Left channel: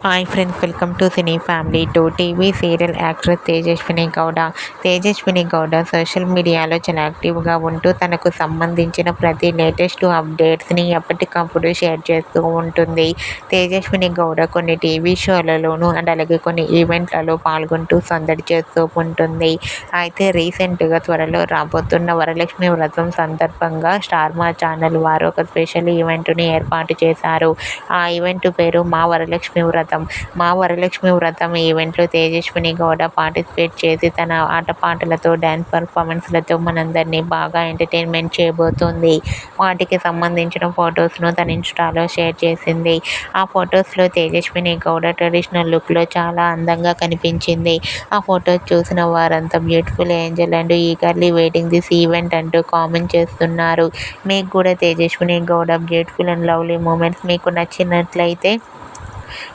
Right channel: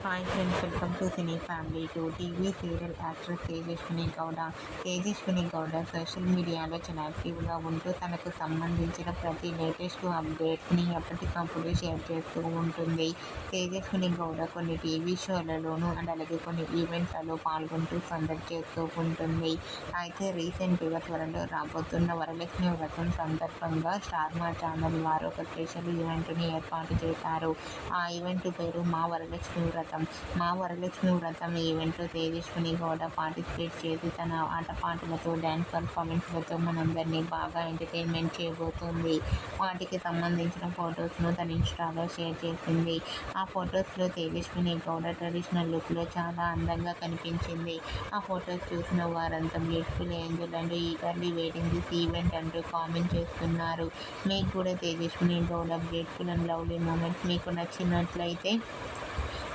Hi friends welcome to cine family two TV serial actress Tejaswini Gowda Tejaswini Gowda social మీడియాలో చాలా యాక్టివ్గా ఉంటూ తనకు సంబంధించిన ప్రతి లేటెస్ట్ అప్డేట్స్ని ఎప్పటికప్పుడు షేర్ చేస్తూ ఉంటుంది. తేజస్విని గౌడ కొన్ని టీవీ షోలలోనూ అండ్ అలాగే కొన్ని ఈవెంట్లలో పాల్గొంటూ సందడి చేస్తూ ఉంటుంది. అయితే రీసెంట్గా త్వరలో రాబోతున్న వరలక్ష్మి వ్రతం సందర్భంగా స్టార్ మా ఛానల్ వారు ఒక స్పెషల్ ఈవెంట్ని ఏర్పాటు చేశారు. ఆ ఈవెంట్ పేరు మా వరలక్ష్మి వ్రతం మా వరలక్ష్మి వ్రతం ఈవెంట్లో తేజస్విని గౌడ పార్టిసిపేట్ చేసి తన ఆటపాటలతో డ్యాన్స్ పర్ఫార్మెన్స్లతో మనందరినీ బాగా ఎంటర్టైన్మెంట్ చేయబోతోంది. వాటికి సంబంధించిన ఫొటోస్ను తన ఇన్స్టాలో షేర్ చేసింది. ఆ ఫొటోస్లో తేజస్విని గౌడ ట్రెడిషనల్ లుక్లో చాలా అందంగా కనిపించింది. ఆ ఫొటోస్ చూసిన వారంతా beautiful angel and eagerly waiting this event అంటూ కామెంట్ చేస్తున్నారు. మీకు కూడా Tejaswini Gowda beautiful and lovely moments మీకు నచ్చినట్లయితే